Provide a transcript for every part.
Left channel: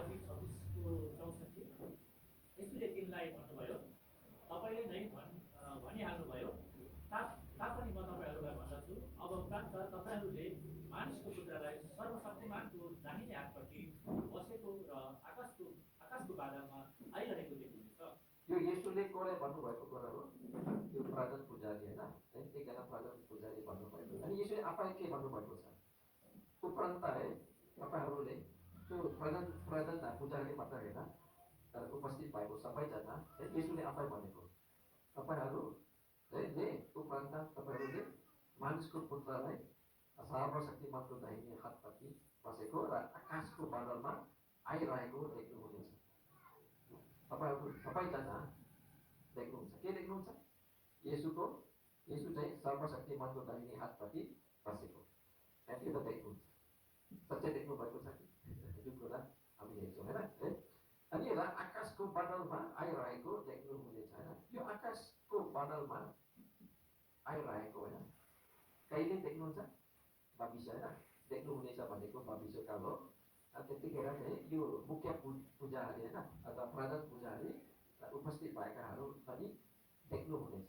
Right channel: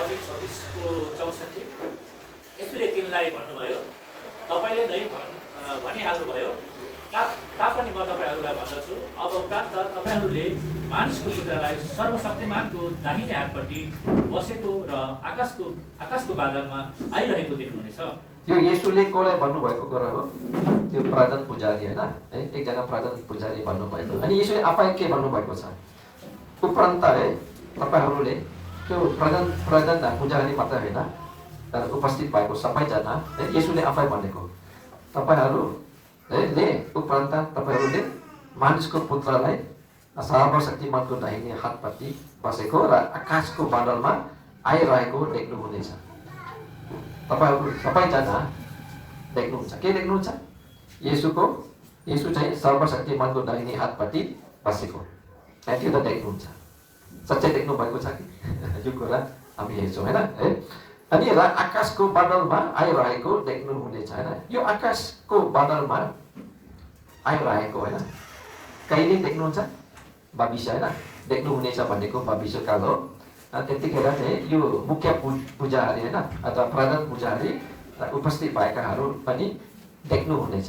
26 को 64 यसले तिमीलाई भन्नुभयो तपाईले नै भनिहाल्नुभयो तापनि म तपाईहरूलाई भन्दछु अब प्राप्त तपाईहरूले मानिसको पुत्रलाई सर्वशक्तिमानको दाहिने हातपट्टि बसेको र आकाशको बादलमा आइरहेको देख्नुहुनेछ। यो येशूले कसलाई भन्नुभएको कुरा हो? त्यो प्रधान पुजारी हैन, एकजना प्रधान पुजारी भन्नुभएको। अनि येशूले आफै के भन्नुभएको छ? उपरान्त तपाईहरूले त्यो प्रधान पुजारी मात्र होइन तर उपस्थित भएको सबैजना येशूले आफै भनेको तपाईँहरूले उपरान्त तपाईँहरूले मानिसको पुत्रलाई सर्वशक्तिमानको दाहिने हातपट्टि बसेको र आकाशको बादलमा आइरहेको देख्नुहुनेछ। तपाईहरू सबैजना देख्नुहुन्छ। के देख्नुहुन्छ? येशू चाहिँ सर्वशक्तिमानको दाहिने हातपट्टि बसेको त्यो त देख्नुहुन्छ। सच्चै देख्नु भएको छ कि यो कुरा हामी हेर्छौँ होइन है। अनि र आकाशको बादलमा आइरहेको देख्नुहुनेछ होइन। यो आकाशको बादलमा आइरहेको होइन कहिले देख्नुहुन्छ? भविष्य होइन। देख्नुहुनेछ भनेको भविष्यकाल हो। त्यतिखेर चाहिँ यो मुख्य पुजारी होइन अथवा प्रधान पुजारी उपस्थित भएकाहरू पनि देख्नुहुनेछ।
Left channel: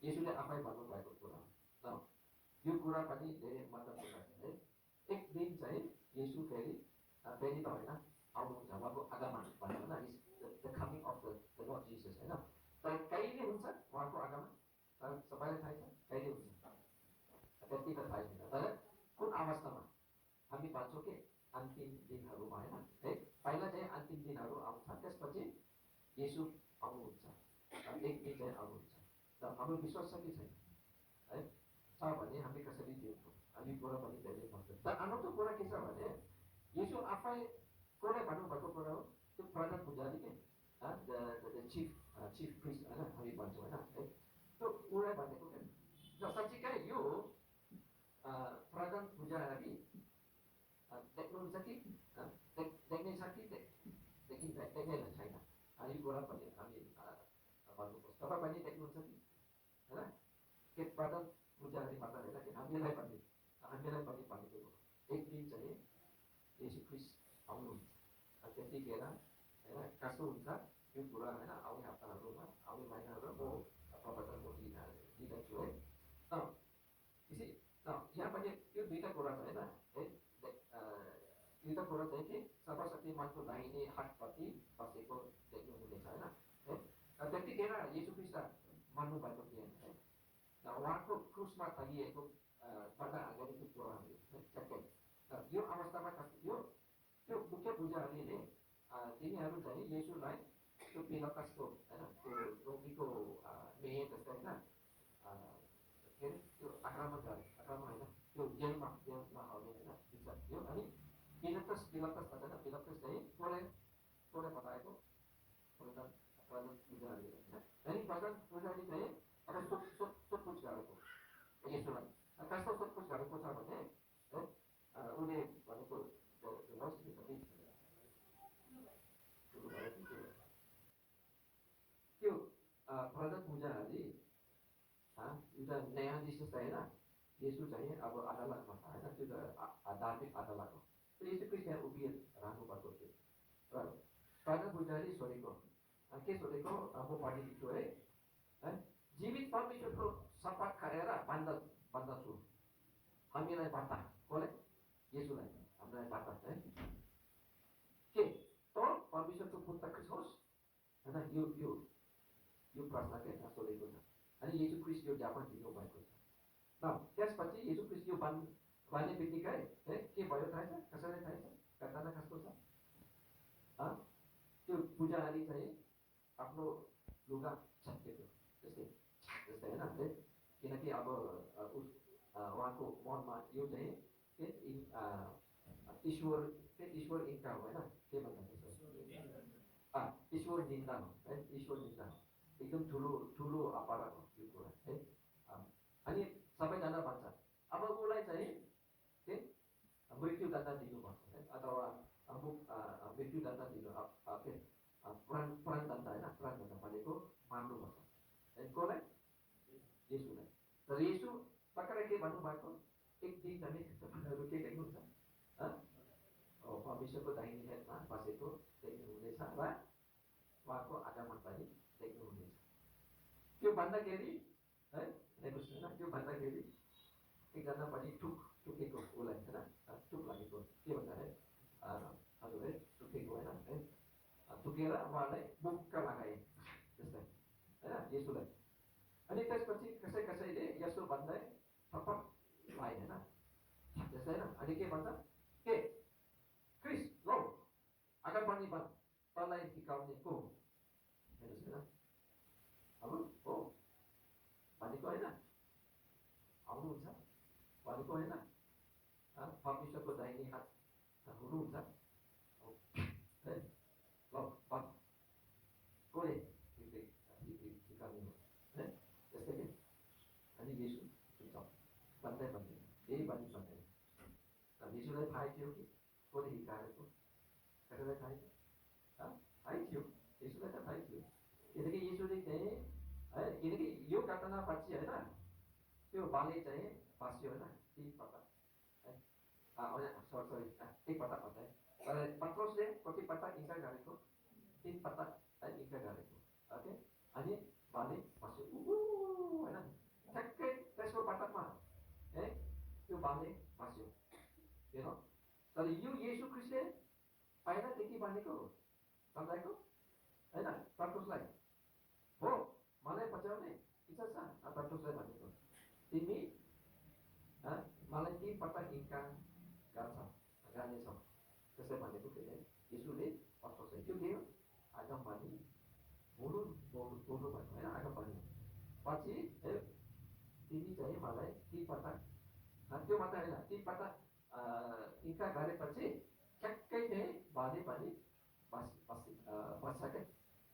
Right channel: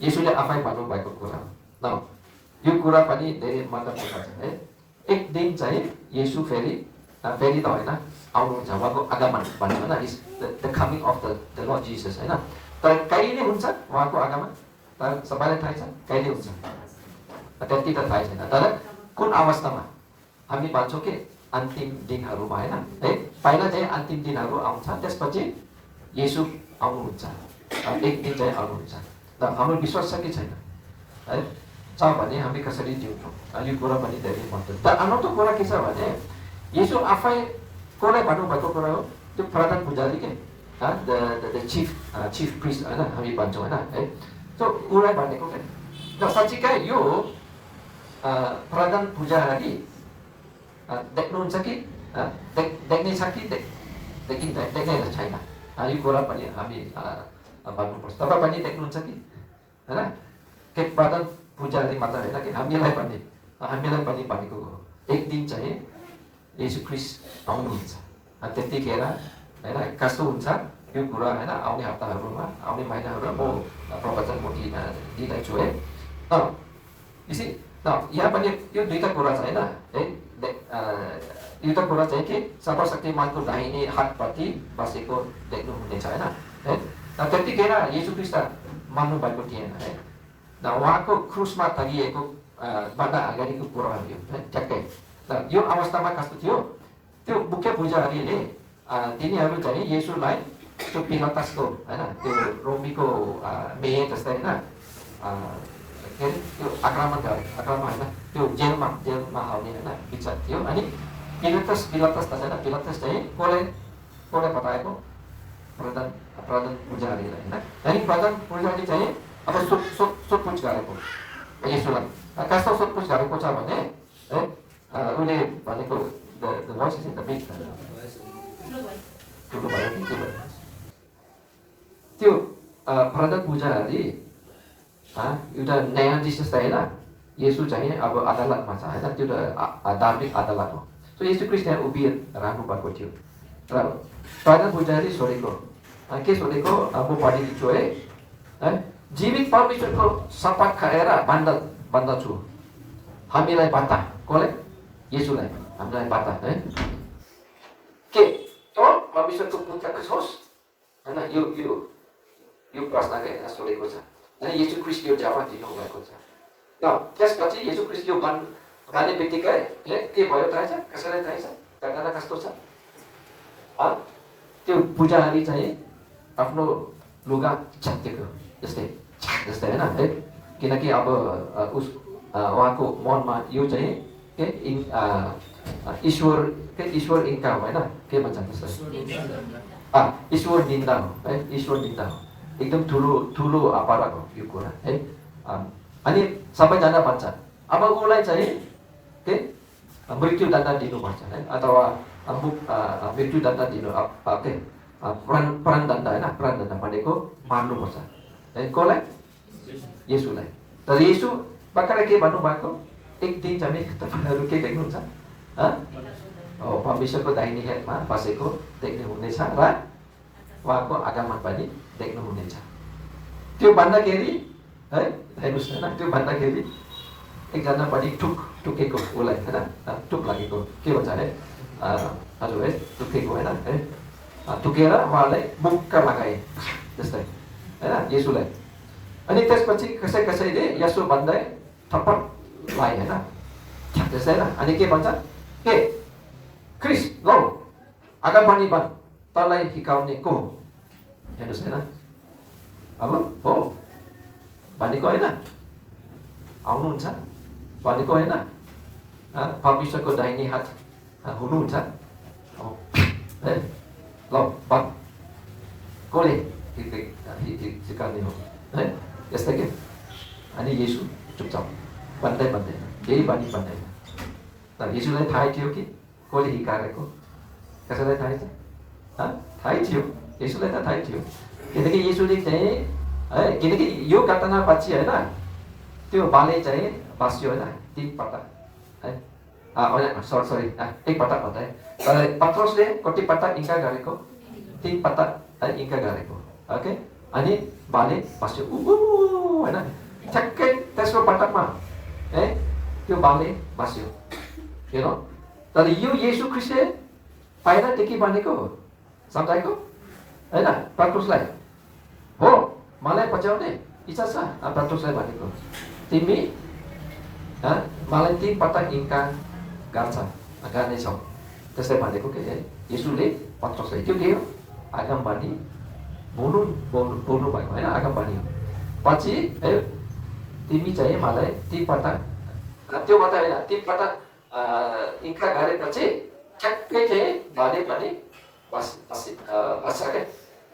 येशूले आफै भन्नुभएको कुरा हो। यो कुरा पनि धेरै महत्त्वपूर्ण छ है। एक दिन चाहिँ येशू फेरि त होइन आउनुहुन्छ, उहाँको आगमन भन्नु होइन, is the coming of the Lord Jesus होइन। तर कहिले हुन्छ उहाँको आगमन? तर सबैलाई थाहै छ कहिले हुन्छ? त्यति त थाहै छैन। तर कुन अवस्थामा? हामी भन्छौँ कि अन्तिम दिनहरूमा होइन है। पहिला चाहिँ अन्तिम दिनहरू आउँछ, त्यसपछि येशू आउनुहुन्छ, एक दिन चाहिँ आउनुहुन्छ। र हाम्रो विश्वास छ कि छैन है? छ भने हामी कसरी जिउँछौँ यो कुरा पनि धेरै महत्त्व। तर अनौठो कुरा के छ भने येशू आफै कसलाई भन्नुभएको कुरा हो? त्यो प्रधान पुजारी के द चिफ प्रिस्ट होइन हामी भन्छौँ होइन है। त्यो उसलाई भनेको के? र साँच्चीकै यो प्रधान पुजारी देख्नुहुन्छ कि देख्ने छ कि देख्दैन छैन? यो कुरा पनि हामी भन्नुपर्छ। तपाईँ पनि देख्नुहुन्छ कि होइन? के प्रधान पुजारी मात्र होइन कि हामीलाई पनि भनेको हो एक दिन चाहिँ येशू ख्रीष्ट आउनुहुन्छ। त्यतिखेर होइन कस्तो हुन्छ यो कुरा होइन आउने हप्ताहरूमा आउने महिनाहरूमा म प्रवचन म दिँदैछु है। यहाँ पनि यो दुईवटा कुरा छ होइन है। एउटा कुरा चाहिँ कि सर्वशक्तिमानको दाहिने हातपट्टि बसेको देख्नुहुनेछ होइन है। त्यतिखेर येशू ख्रीष्ट मान्नु भएको थिएन है। उहाँको क्रुसमा टंगिएको भन्दा अगाडिको कुराहरू यो है ठ्याक्कै। यो अवस्थामा कस्तो थियो? त्यो मुख्य पुजारीले तिनीहरू चाहिँ येशूलाई त्यो पिलातसको होइन त्यो रोमीको मेयर जस्तै होइन के अरे त्यो आक्रमण होइन त्यो जेलमा हाल्ने होइन विचार थियो। अनि पिलातस त छैन, पिलातस चाहिँ कसलाई बताएको? प्रधान पुजारीलाई होइन। अनि प्रधान पुजारी चाहिँ अब सोधपुछ गरेको येशूलाई। कस्तो सोधपुछ गरेको छ भने है उसले भनेको ठुलो भयो कि के भयो? त्यो प्रधान पुजारी एउटा न्यायाधीश जस्तै होइन। येशू चाहिँ अब अदालतमा छ होइन, त्यो त धार्मिक अदालत हो। सो येशू ख्रीष्ट त्यहाँ उभिरहनु भएको थियो र प्रधान पुजारी सोधेको के सोधेको म पढिदिन्छु है। जीवित परमेश्वरको शपथ खाएर भन्दछु हामीलाई बता। कसलाई? येशूलाई हामीलाई बता है के त परमेश्वरको पुत्रको छोस् होइन। यो प्रश्न सोधेको छ। अनि येशू ख्रीष्ट यो जवाफ दिनुभएको छ। त्यसपछि येशू ख्रीष्ट यो भन्ने बित्तिकै के भयो थाहा छ? कसैलाई थाहा छ? घटना कस्तो छ? त्यो पुजारी चाहिँ आफ्नो लुगा च्यातेको जस्तै होइन है। किनकि अब उहाँको मनमा यो चाहिँ के ईश्वर इन्कार हो होइन के भन्छ त्यसलाई? ईश्वर निन्दा हो है। ईश्वर निन्दा हो, एकदम ठुलो अपराध हो यो कुरा है। अनि सबैजना भन्छ अब उसलाई चाहिँ के मृत्युदण्ड दिनुपर्छ है अथवा मृत्युदण्ड दिनु के प्राणदण्ड होइन। प्राणदण्ड भनेको मार्नुपर्छ है। कसलाई? येशूलाई। तर येशू भर्खरै के भन्नुभएको? एक दिन चाहिँ तपाईँहरू के देख्नुहुन्छ? परमेश्वरको दाहिने हातमा बसेको देख्नुहुनेछ र उहाँको आगमन पनि देख्नुहुनेछ। त्यो भन्दाखेरि है हेर्नुहोस् होइन, त्यो भन्दाखेरि एकजना पनि टुकेको उसलाई होइन, टुक लागेको के भन्छ है हजुर है, टुकेको होइन है, टुकेर उहाँलाई मुक्क लगाए जस्तै होइन येशूलाई। अनि त्यसपछि कसैले यसो भन्दै थप्पड लाए होइन त्यस्तै होइन। अनि के भन्छ, के क्रिस लौ आगमनी बन, तँलाई हिकाउने को हो? हेर्नुहोस् होइन, अब हो भनेको होइन, आउनुहुन्छ भनेको होइन, परमेश्वरको दाहिने हात हुनुहुन्छ है, ल बन कसले सिकाउने हो है, यस्तै के। अनि येशू चुपचाप भन्दै केही पनि भन्दैन। तर येशूलाई थाहै थियो कि कसले हिकारेको, कसैलाई थाहै छ? थाहै थियो, येशूलाई त थाहै थियो। किनकि येशूले चाहिँ है, किनकि यो घटनापछि होइन त्यो बाले चाहिँ बाँच्यो होइन 3 पटक है, सरी 1 पटक भन्दा है। तर पत्रुसले कति पटक इन्कार गरेको? 3 पटक है इन्कार गरेको। ओके, अनि बाले बाँच्यो होइन, ठ्याक्कै तेस्रो पटकमा है त्यो बाले बाँच्यो हेर। तर यो येशू ख्रिस्टले पहिलादेखि भनेको सम्झाएको होइन पत्रुसलाई, हो मलाई बचाउने इच्छा छ। पत्रुसलाई भनेको तिमी मलाई 3 पटक इन्कार गर्नेछौ, त्यसै भनेको के येशूले पत्रुसलाई। त्यो के हो? आगमबानी बोल्नु भएको होइन, आगमबानी हो। पछि है तिमी चाहिँ मलाई 3 पटक, त्यो मात्रै होइन 3 पटक इन्कार गरेपछि ठ्याक्कै चाहिँ भने पनि बस्छ क्या,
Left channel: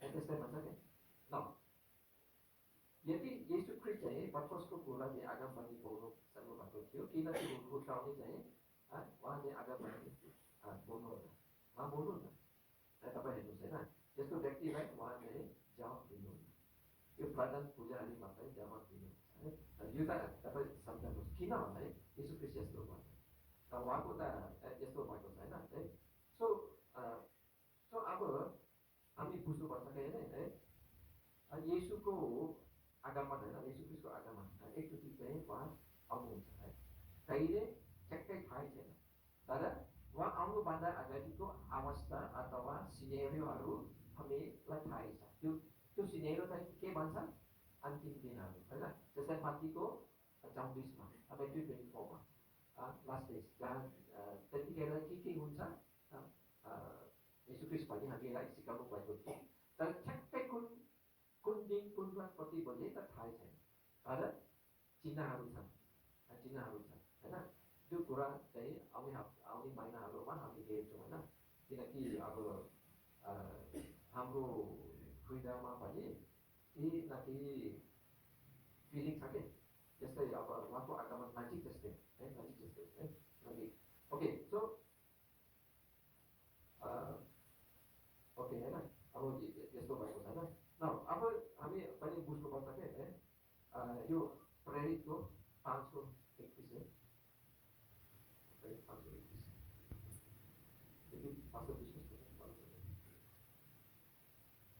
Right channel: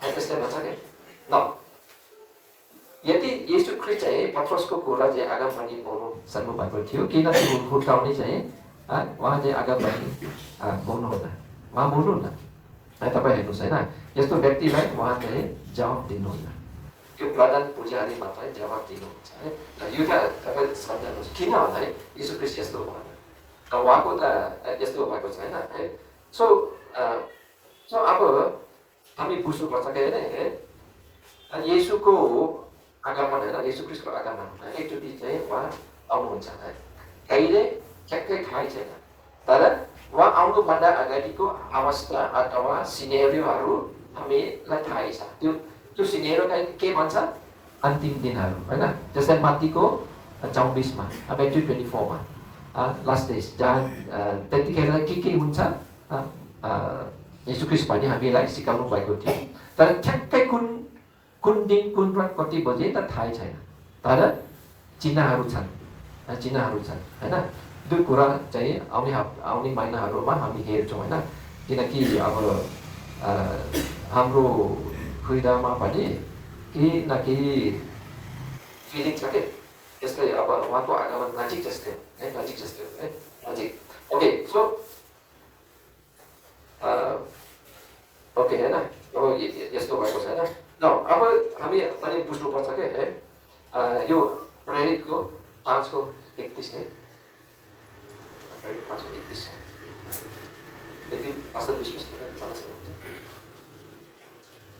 त्यस्तै भन्छ क्या न। यदि येशू ख्रिस्ट चाहिँ पत्रुसको कुरा चाहिँ आगमबानी बोल्नु सक्नु भएको थियो, किन हुर्काउने चाहिँ उहाँ चाहिँ आगमबानी बोल्नुहुन्न, उहाँ बोल्नुहुन्न है। तपाईँ हेर्नुहोस् होइन, यस्तो व्यक्तिलाई उहाँ चाहिँ जवाब दिनुहुन्न, त्यो प्रधान पुजारी मात्रै जवाब दिनुहुन्छ है। यो त तपाईँ सम्झाउनुहोस् किन भन्दा है येशू ख्रिस्ट यस्तो भएन, उहाँको त यस्तो भएको छैन है। सो अब हामी बुझ्नुपर्छ कि होइन, येशूको आगमन होइन, येशू ख्रिस्टको आगमन एकचोटि चाहिँ उहाँ आउनुहुन्छ है, कहिले ठ्याक्कै थाहै छैन। तर उहाँ आउनुभन्दा अगाडिको अवस्था अथवा सिनेरियोहरू हामीलाई थाहै छ। त्यो सिनेरियो के भन्छ? अन्तिम दिनहरू होइन, जस्तै मत्तीको 24मा Matthew 24मा लास्ट डेज, जहाँ त्यतिखेर के हुन्छ येशू ख्रिस्ट पनि हामीलाई सिकाउनु भएको थियो। तर ठ्याक्कै कुन दिन कुन रात कति बजे त थाहै छैन। तर चिन्हहरू छन् होइन। त्यो कुरा चाहिँ आउने महिनाहरूमा हामी हेर्छौँ होइन, किनकि अब हाम्रो हृदयमा पनि केही न केही फिलिङ छ कि त्यसले अब उहाँको आगमन नजिक जस्तै है, नजिक जस्तै है, नजिक। ओके, सो ओके होइन, अब यस्तो भएको छैन न। अब हामी पनि बुझ्नुपर्छ कि है, यो प्रेरितको 5:31 है, 5:31 यदि असल विश्वास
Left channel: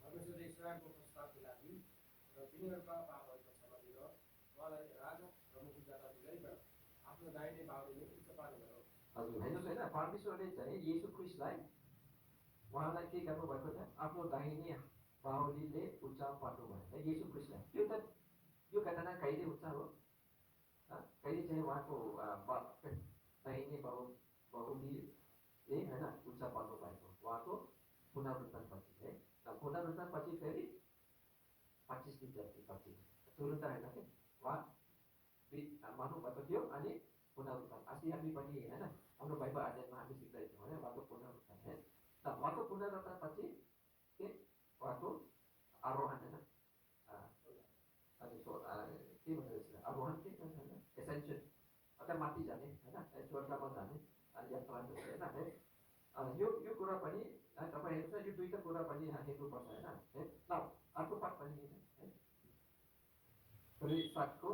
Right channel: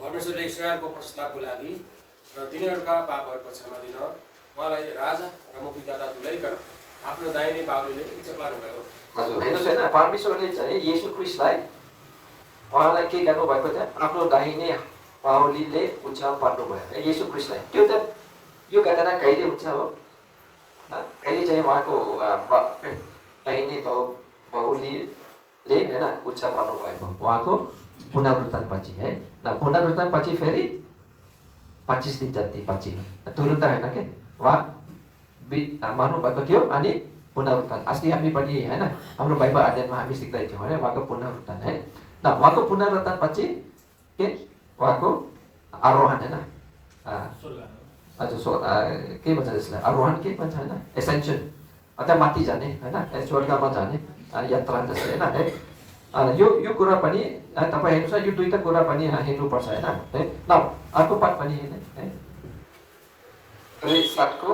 परमेश्वरले इस्रायलको प्रस्तावको लागि र तिनीहरूका पापहरूको क्षमा दिन उहाँलाई राजा र मुक्तिदाता तुल्याइकन आफ्नो दाहिने बाहुलीले इच्छा पार्नुभयो। हजुर हेर्नुहोस् होइन, परमेश्वरले चाहिँ येशू ख्रिस्टलाई उहाँलाई के गर्नुभएको थियो? आफ्नो दाहिने बाहुलीले उच्चार पार्नुभयो येशू ख्रिस्टलाई। त्यो त यो घटना कहिले हुन्छ हो? कहिले चाहिँ उहाँको दाहिने बाहुलीले होइन उच्चार पार्नुभएको उहाँको पुनरुत्थान पछि है। पुनरुत्थान पछि फेरि 25 दिन जति पछि, तुरुन्त होइन के उहाँ मर्नुभएको थियो अनि पुनरुत्थान। अस्ति हामी पनि होइन हाम्रो बाइबल अध्ययनमा हामी सिक्दै थियौँ होइन उहाँको पुनरुत्थान है। उहाँको पुनरुत्थान पछि के उहाँको आरोहण होइन, हजुर के भन्छ त्यसलाई, आरोहण के भन्छ होइन, एसेन्सन अथवा माथि जाने होइन, स्वर्गमा जाने यात्रा जस्तै होइन है। यो कुरा पनि तपाईँ हेर्नुहोस्, यो दुईवटा कुरा पनि हेर्नुपर्छ होइन है। अर्को पाठ पनि हेर्ने है, 7को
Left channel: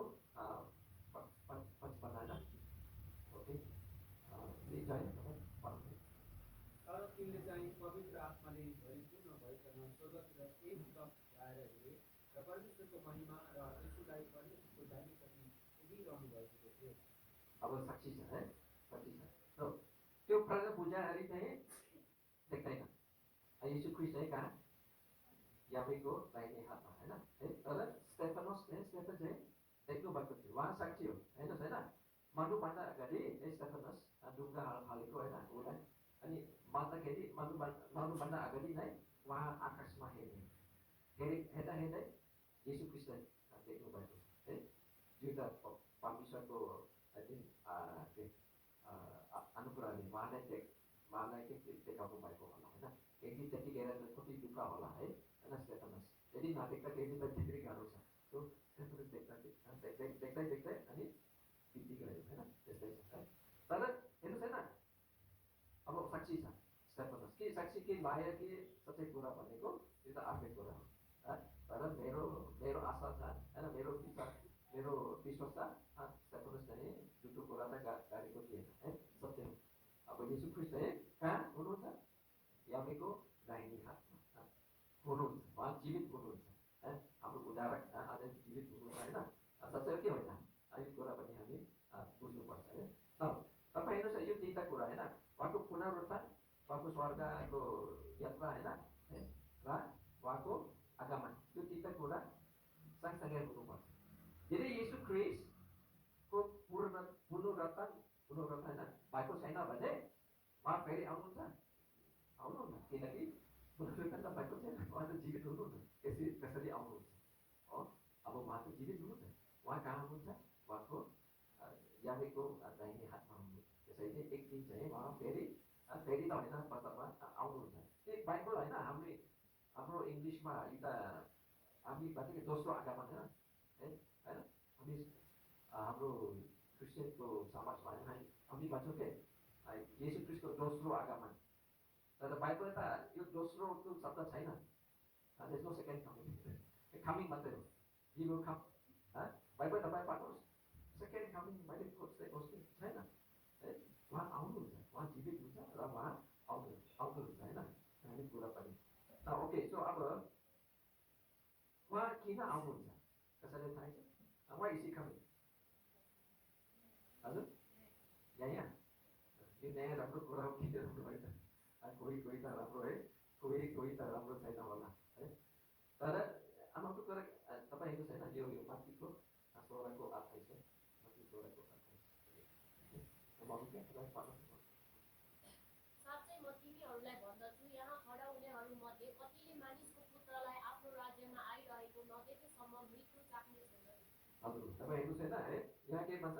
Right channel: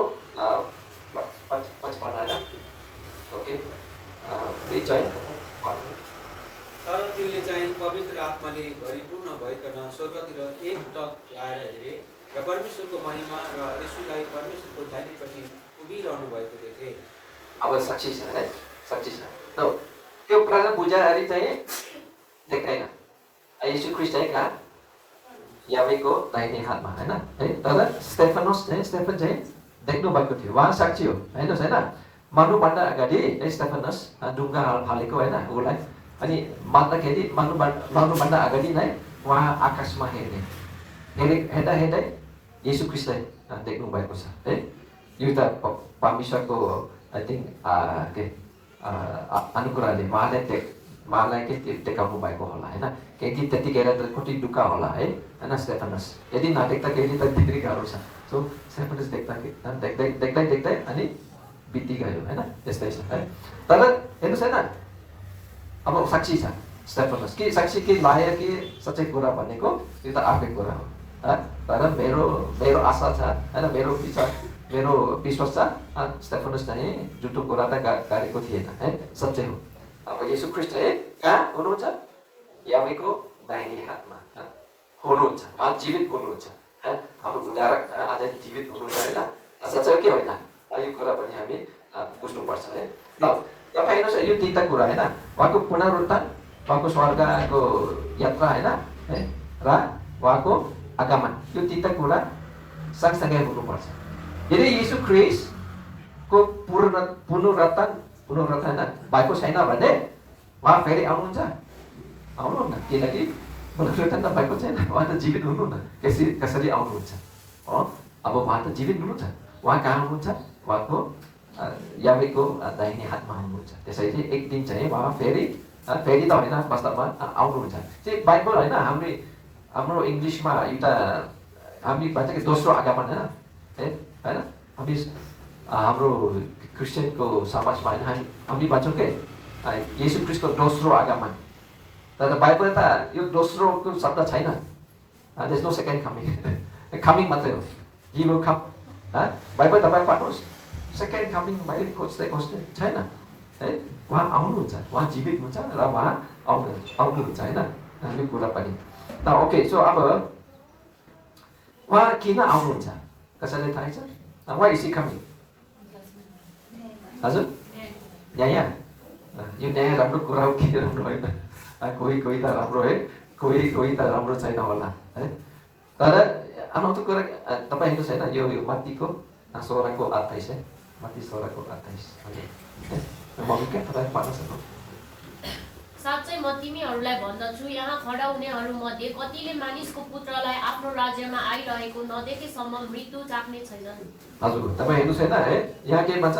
55 होइन, ओके तर तिमीले चाहिँ पवित्र आत्माले भरिपूर्ण भइकन स्वर्गतिर एकटक लाएर हेरे र परमेश्वरको महिमा र यसुलाई परमेश्वरको दाहिनेपट्टि उभिरहनु भएको देखे। अब साक्षी छ है, साक्षी छ। त्यो प्रधान पुजारी चाहिँ देख्दैन, येशू ख्रिस्ट चाहिँ कहाँ यावेको दाहिने हातमा हैन है। तर स्टेफन चाहिँ देख्नु भएको थियो, उहाँ साक्षी हो। हेर्नुहोस् होइन, मर्नुभन्दा अगाडि स्टेफनस ढुङ्गा फालेको होइन उसलाई, अनि मान्दाखेरि मर्नुभन्दा अगाडि नै उहाँ आकाशमा हेर्दा हेर्दै येशू ख्रिस्टलाई देख्नु भएको छ है। यो त परमेश्वरको आई थिङ्क के अनुग्रहले उहाँलाई के देखाउनु भएको होला होइन। केही त्यतिखेर त कति दुःख होला है होइन। स्टेफनस यदि नदेख्दाखेरि त भित्री गाह्रो छ। सो स्टेफनस देख्दै अनि बित्ति गयो होइन, त्यस्तै छ है। तर हेर्नुहोस् होइन, अब साक्षी छ स्टेफनस। के साक्षी के लायो कि सच्चै कुरा भनेको यो त अर्कै कुरा हो। तर मेरो आशा छ होइन, मेरो विश्वास छ स्टेफनस चाहिँ झुटो कुरा त गरेको थिएन है, सच्चै हो। अब येशू ख्रिस्ट चाहिँ कहाँ हुनुहुन्छ? यावेको दाहिने हातमा हुनुहुन्छ, उहाँ जीवित हुनुहुन्छ। हाम्रो उद्धारक आज जीवित हुनुहुन्छ होइन, सच्चै हो कि होइन? यो कुरा पनि हामी बुझ्नुपर्छ है। तपाईँ हेर्नुहोस् यो तिनवटा कुरा होइन, उहाँको पुनरुत्थान, उहाँको स्वर्गको यात्रा होइन है, र उहाँको आगमन, यो तिनवटा कुरा सँगसँगै हुनुपर्छ। यदि येशू ख्रिस्टको पुनरुत्थान भएको छैन भने उहाँ फेरि आउनुहुन्न, किनकि पुनरुत्थान त भएको छैन, उहाँ त जीवित हुनुहुन्न। कसरी आउनुहुन्छ हो? अब उहाँ त जीवित हुनुहुन्छ, उहाँ कहाँ हुनुहुन्छ? उहाँको यावेको दाहिने हातमा हुनुहुन्छ। त्यसैले एक दिन चाहिँ उहाँ फेरि त होइन, वास्तवमा आउनुहुन्छ। चाहिँ बाइबल होइन, हाम्रो इङ्ग्लिसमा एउटा हामी भन्छ कि दोस्रो आगमन होइन होइन। हामी हाम्रो क्रिस्चियनको समाजमा होइन हामी भन्छौँ कि येशू ख्रिस्टको दोस्रो आगमन। तर बाइबल त यो दोस्रोको शब्द छैन। There is no second coming मात्रै हो। He will come. बाइबल तपाईँ पढ्नुहोस्, सेकेन्ड कमिङ मैले खोज्दै छैन है। उहाँ आउनुहुन्छ, उहाँ जीवित हुन्छ र उहाँ आउनुहुन्छ होइन, यो कुरा पनि। ओके, सो अब उहाँ किन आउनुहुन्छ कसैलाई थाहै छ? Why is he coming? हजुर, न्याय? यो न्याय राम्रो कुरा हो कि राम्रो होइन? कोही त राम्रो है, कोही त राम्रो छैन होला है। तर अनौठो कुरा तपाईँ हेर्नुहोस् होइन, यो मत्तीको 16:28 है, मत्ती 16:28। मम्मी क्या तपाईँ पढ्न सक्नु? साँच्चै म तिमीहरूलाई भन्दछु, यहाँ खडा हुनेहरूमध्ये कतिले मानिसको पुत्रलाई आफ्नो राज्यमा आइरहेको नदेखेसम्म मृत्यु चाख्ने छैनन्। हजुर, तपाईँ हेर्नुहोस् होइन है, यहाँ के भन्छ?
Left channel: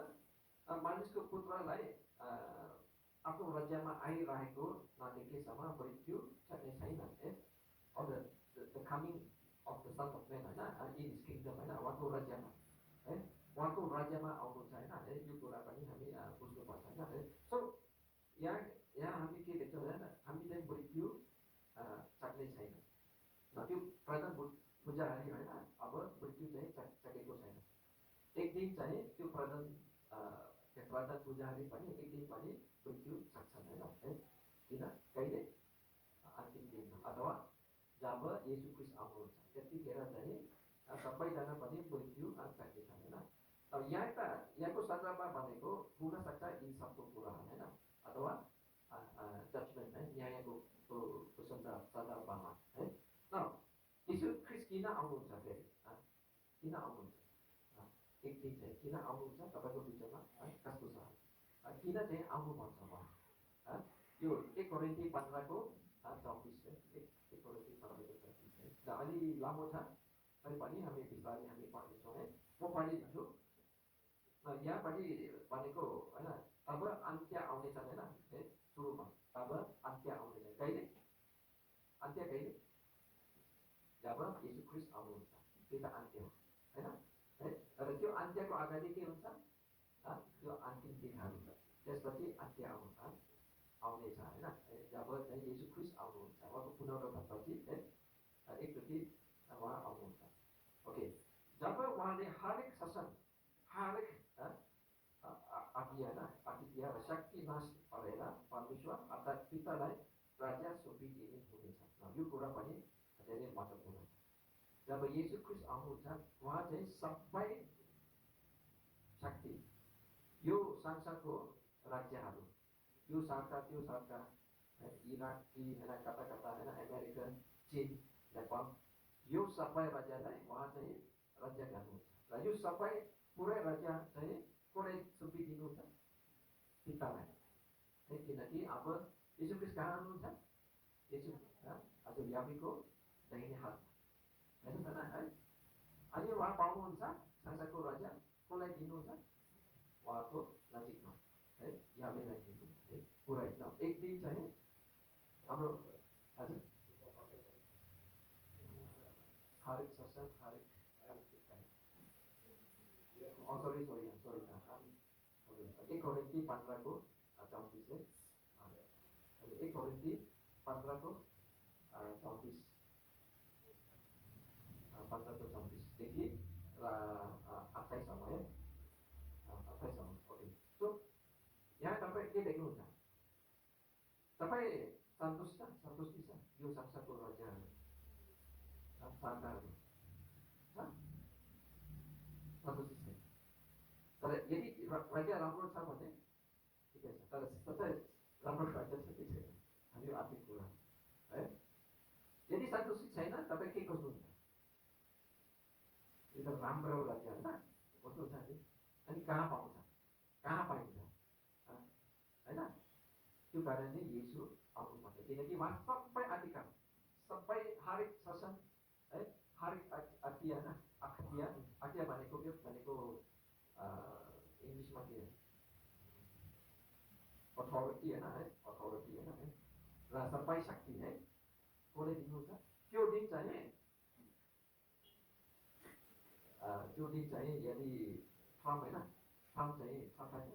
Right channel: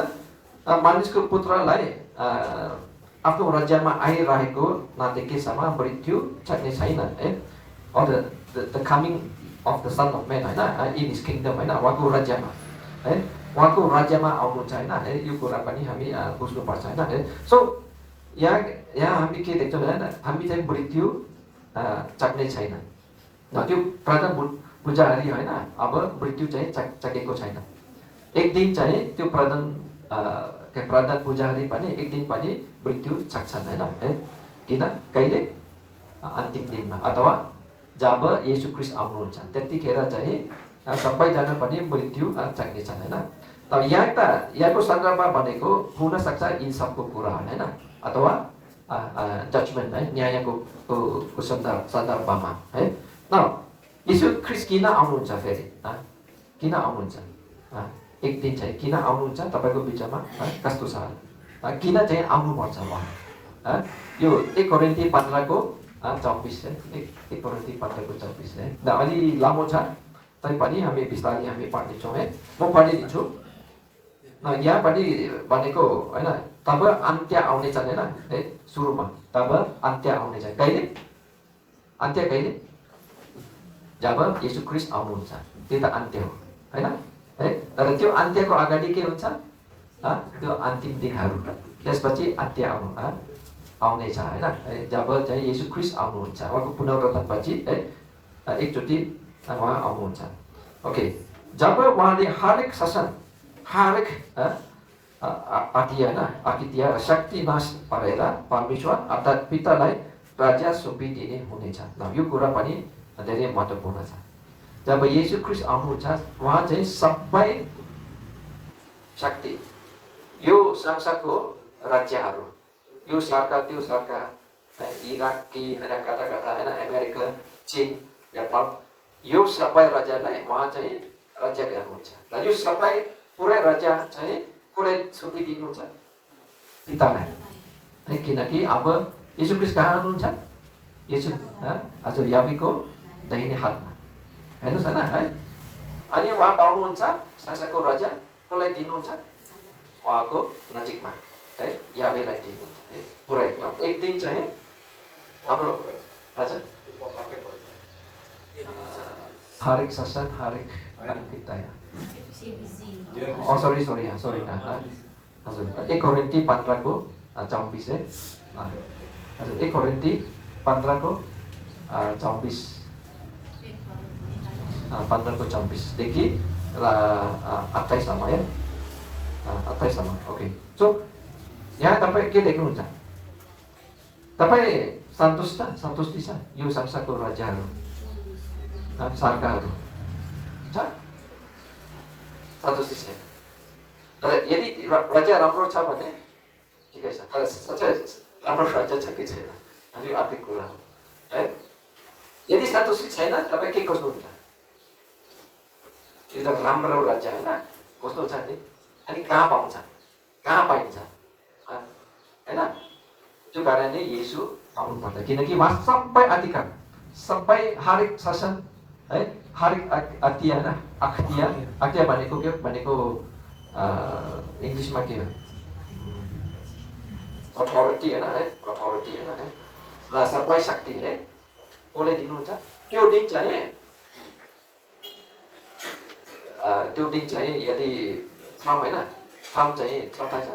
मानिसको पुत्रलाई आफ्नो राज्यमा आइरहेको नदेखेसम्म मृत्यु चाख्ने छैन है। Or the coming of the son of man होइन, इन हिज किङडम होइन, उहाँको राज्यमा है, उहाँको राज्यमा आउनुहुन्छ होइन है। यो कुरा पनि हामी बुझ्नुपर्छ होइन है। सो यहाँ हामी के देख्छौँ होइन, हामी चाहिँ मृत्यु चाख्ने छैन। त्यो प्रधान पुजारी होइन, अब मृत्यु चाहिँ चाखेको छैन। एक दिन चाहिँ त्यो प्रधान पुजारी पनि एक दिन पनि मृत्यु चाख्छन् होइन है। किन? कहिले? अन्तिम दिनमा अथवा जब येशू ख्रिस्ट आउनुहुन्छ त्यतिखेर चाहिँ सबैजना पनि मृत्यु चाख्नेछन् होइन। तर यहाँको सन्दर्भमा भनेको हुन सक्छ यी सबको कुरा होइन, अथवा जजमेन्ट है, न्यायको सन्दर्भमा है। न येशू ख्रिस्ट किन आउनुहुन्छ फेरि? किन आउनुहुन्छ? एक दिन चाहिँ किन आउनुहुन्छ तपाईँको बिचमा कस्तो छ? किन चाहिँ आउनुपर्छ उहाँ? यो 1 कोरिन्थी 15:24 है, 1 कोरिन्थी 15:24 है। अलि लामो छ तैपनि हामी बिस्तारै हामी पढ्नेछौँ है। म पढिदिन्छु। यहाँ पनि भनेको होइन, तब अन्त्य आउनेछ होइन है, सुरुमा तब अन्त्य आउनेछ। कहिले अन्त्य? कहिले? जब येशू ख्रिस्ट आउनुहुन्छ, त्यो त अन्त्य हो होइन है। तर त्यो अन्त्यको अगाडि के हुन्छ? त्यो अन्तिम दिनहरू, त्यसपछि अन्त्य आउनेछ होइन। जब चाहिँ येशू ख्रिस्ट आउनुहुन्छ, उहाँको पुनरुत्थानपछि है, एकचोटि उहाँ आउनुहुन्छ। ओके, जब उहाँले हरेक शासन, हरेक आकित्य र शक्ति नाश पारेर परमेश्वर अर्थात् पितालाई राज्य सुम्पिदिने हुनेछ। ल यो कुरा पनि धेरै महत्त्वपूर्ण छ। जब येशू ख्रीष्ट आउनुहुन्छ उहाँ चाहिँ सबै शक्ति यो संसारको राज्यहरू यो सरकार त्यो सरकार इराकी होइन कता कता होइन अमेरिका चीन नेपाल यो सबै राज्यलाई उहाँ चाहिँ राज्य गर्नुहुन्छ र यो सबै पुरै राज्य चाहिँ पुरै सुम्पिदिनुहुन्छ पितालाई है। किनकि अब येशू ख्रीष्ट कहाँ हुनुहुन्छ? येशू हजुर याबीको दाहिने हातमा हेर्नुहोस् होइन है। अनि उहाँ पाउनुहुन्छ संसारको राज्य कसलाई दिनुहुन्छ? उहाँको नजिकमा है याबीलाई दिनुहुन्छ है पुरै। एक दिन चाहिँ हाम्रो हजुर हरेक शासन हरेक सरी हजुर 1 कोरिन्थी 15 को 24 है हजुर 1 कोरिन्थी 15 को 24 15 को 24 देखि 28 सम्म है 28 सम्म। ओके सो यहाँ तपाईँ के देख्नुहुन्छ? तपाईँ सन्तुष्टि छ यो संसारको राज्यहरू सरकारहरू छ सन्तुष्टि छैन। तर यदि राज्य राम्रो छ भने ठिकै छ, तर साँच्चै राम्रो राज्य छ कि छैन यो अर्को कुरा हो है। यदि सन्तुष्टि छैन तपाईँ के खोज्नुहुन्छ? एकदम राम्रो राज्य होइन खोज्नुहुन्छ नि। अनि कहाँ पाउँछ? कहाँ पाइन्छ होइन? त्यो कारणले येशू आउनुपर्छ किनकि उहाँ सबै अधिकार सबै हरेक शासन है हरेक अख्तियार भनेको के भनेको इङ्ग्लिसमा के हो? अथोरिटी होइन है अथोरिटी होइन है र सबै शक्ति है कसले दिनुहुन्छ? त्यो दिन चाहिँ यदि ट्रम्प होइन ट्रम्प चाहिँ थाहा छ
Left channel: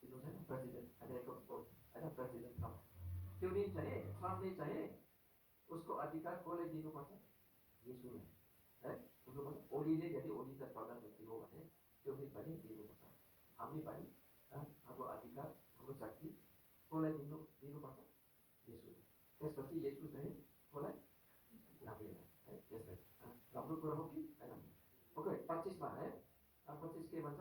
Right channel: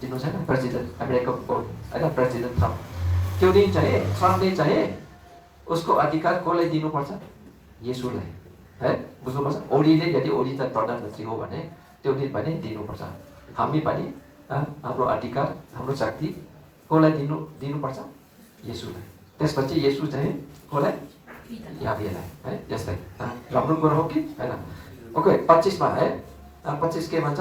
दिनु छैन प्रेसिडेन्ट अमेरिकाको होइन प्रेसिडेन्ट ट्रम्प त्यो दिन चाहिँ ट्रम्पले चाहिँ उसको अधिकार कसलाई दिनुपर्छ? येशूलाई है बुझ्नुपर्छ। ओलीले यदि ओली त प्रधानमन्त्री हो भने त्यो दिन पनि दिनुपर्छ। हामी पनि हाम्रो अधिकार हाम्रो शक्ति कसलाई दिनुपर्छ? येशूलाई। त्यसपछि येशू चाहिँ कसलाई? याबीलाई है। यसलाई राम्रो कुरा हो कि होइन? ओके 25 मा है 25 के भन्छ?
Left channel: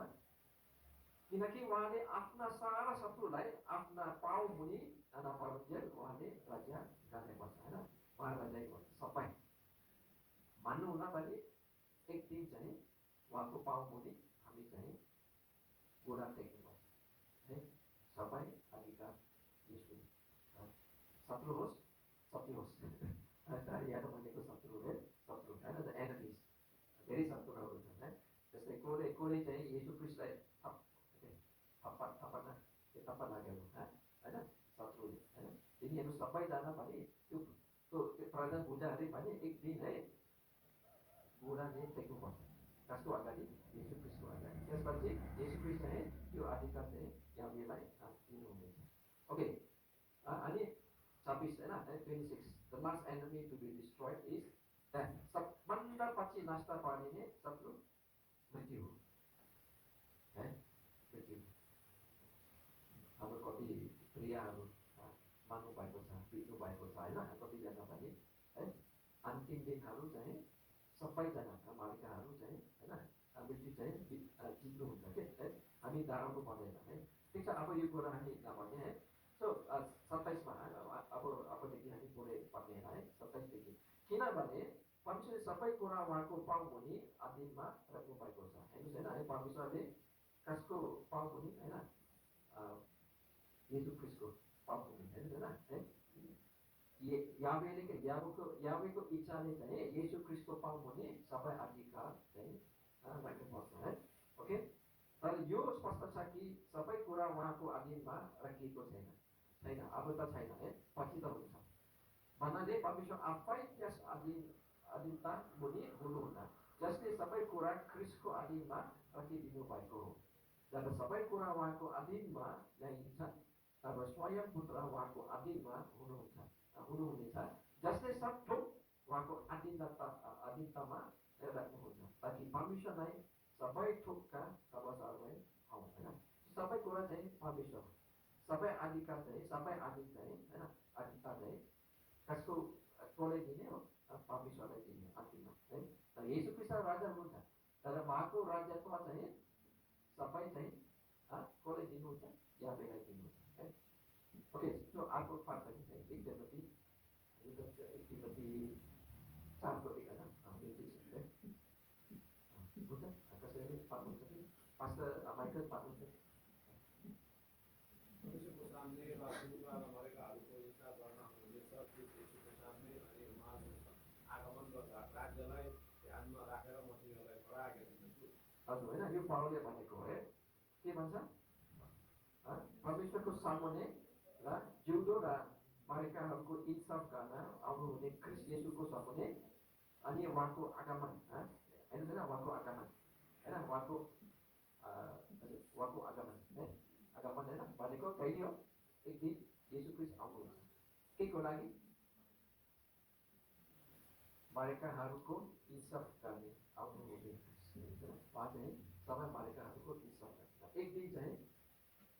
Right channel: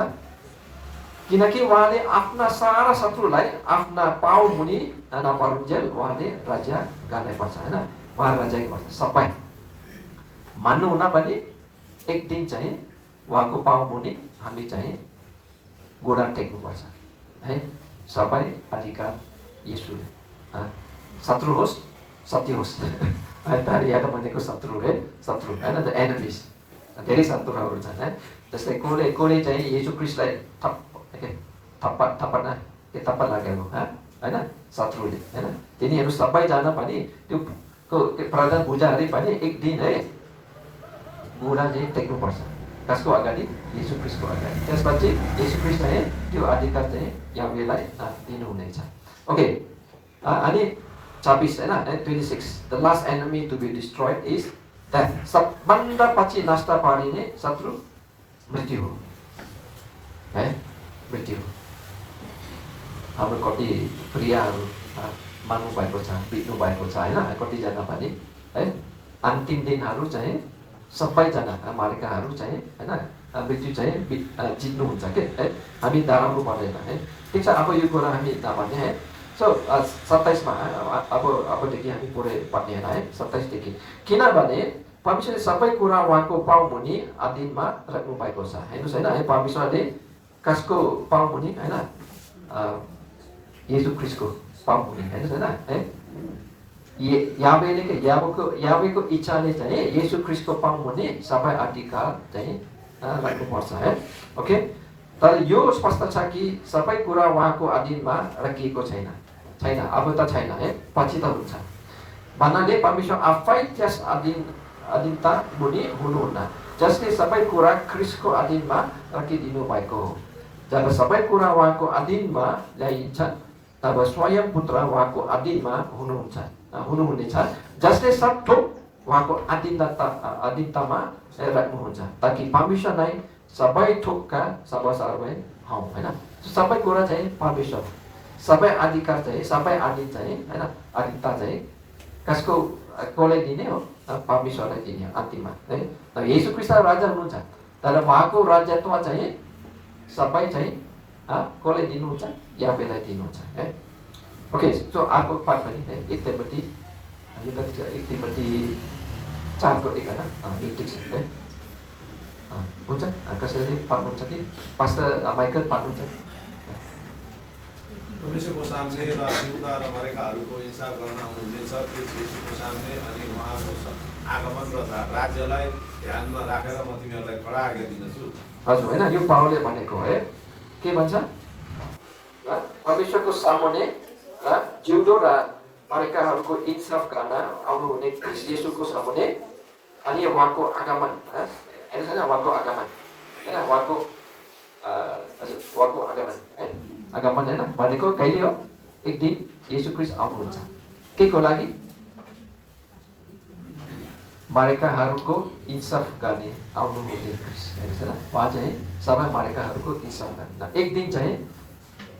किनकि उहाँले आफ्ना सारा शत्रुलाई आफ्ना पाउ मुनि नपरुन्जेल उहाँले राज्य गर्नुपर्छ होइन। उहाँ राज्य गर्छ सबै मान्नु हुन पनि एक दिन चाहिँ उहाँको पाउ मुनि हामी चाहिँ गोडा टेक्नुपर्छ है। सबै अधिकार येशूले शत्रु होस् सत्य होस् यहाँ भनेको शत्रु है शत्रु होइन द एनिमिज धेरै शत्रुहरू छन् है। जस्तै कसले चाहिँ येशू ख्रीष्टलाई थप्पा लागेको होइन शत्रुले होइन तिनीहरू सबैजना पनि त्यो प्रधान पूजाहरू पनि एक दिन है गोडा चाहिँ टेक्नुपर्छ। कसको अगाडि? येशू ख्रीष्टको अगाडि। त्यसपछि येशू ख्रीष्ट चाहिँ त्यो अधिकार चाहिँ याबीलाई दिनुहुनेछ। ओके अनि 26 होइन 26 the last enemy to be destroyed is that सबभन्दा पछि नष्ट पारिने शत्रु मृत्यु हो है मृत्यु हो। हाम्रो कति प्रियहरू मान्नु भएको छ बित्नु भएको छ होइन कतिजना पनि है अन्तिम दिनहरू चाहिँ सबैजना मालिकाहरू चाहिँ होइन मृत्यु चाहिँ जित्नुहुन्छ के है। हामी डराउनु पर्दैन है। ठिक छ अब यो कुरा हामी नभने है। सो 27 मा अबदेखि हामी पुरै पढ्ने है 27 देखि किनभने परमेश्वरले सबै कुरा उहाँको पाउ मुनि अधीनमा राख्नु भएको छ। हेर्नुहोस् होइन है परमेश्वरले कसको पाउ मुनि होइन येशू ख्रीष्टको पाउ मुनि हेर्नुहोस् होइन है याबेको इच्छाले चाहिँ येशू ख्रीष्टको पाउ मुनि सबै अधिकार चाहिँ राख्नुपर्छ है। ओके तर यो स्पष्ट छ कि सबै कुरा उहाँको अधीनमा राखिएको छैन अब त छैन है पछि त हुन्छ भन्नाले परमेश्वर आफै त्यस अधीनता मुनि हुनुहुन्न जसले सबै कुरा ख्रीष्टको अधीनमा राखिदिनु भएको हो। जब सबै कुरा उहाँको अधीनमा ल्याइन्छ तब स्वयं पुत्र उहाँको अधीनमा हुनुहुनेछ जसले सब थोक उहाँको अधीनतामा राख्नुहुन्छ ताकि परमेश्वरलाई सबै थोकका सर्वसार्वभौम हौँ होइन। सबै कुरा चाहिँ परमेश्वर सबै अधिकार चाहिँ सबै अधीन चाहिँ होइन अधिकता चाहिँ कसलाई दिने हो? परमेश्वरलाई दिने हो अन्तिममा है। येशू ख्रीष्ट राजा हुनुहुन्छ, तर उहाँको राज्यत्व चाहिँ सबै चाहिँ कसलाई दिनुहुन्छ? याहवेलाई दिनुहुन्छ है। ओके, सो अर्को पाठ पनि है, 1 तिमोथी 4:1 यो ठिक छ है। हुन्छ, कसैले पाठ्नुहुन्छ कि पास्टर माइकल पाठ्नुहुन्छ? परमेश्वरको सामने र जिउँदा र मरेकाहरूको हिसाब गर्न आउनुहुनेछ, क्रिस्टको सामने अनि उहाँको आगमन र राज्यलाई ध्यानमा राखेर म तिमीहरूलाई कडा आज्ञा दिँदछु। हजुर, होइन, यो पावलले भनेको है। के भन्छ? परमेश्वरको सामुन्ने र जिउँदो र मरेकाहरूको इन्साफ गर्न आउनुहुने ख्रीष्ट येशूको सामुन्ने अनि उहाँको आगमन, उहाँको आगमन होइन, उहाँको आगमन है। आगमन होइन भनेको कहिले हो? एक दिन येशू ख्रीष्ट आउनुहुन्छ। के को लागि? मरेकाहरूको इन्साफ गर्ने आउनुहुने ख्रीष्ट होइन। उहाँ चाहिँ सबै मरेकाहरूको इन्साफ गर्ने। एक दिन चाहिँ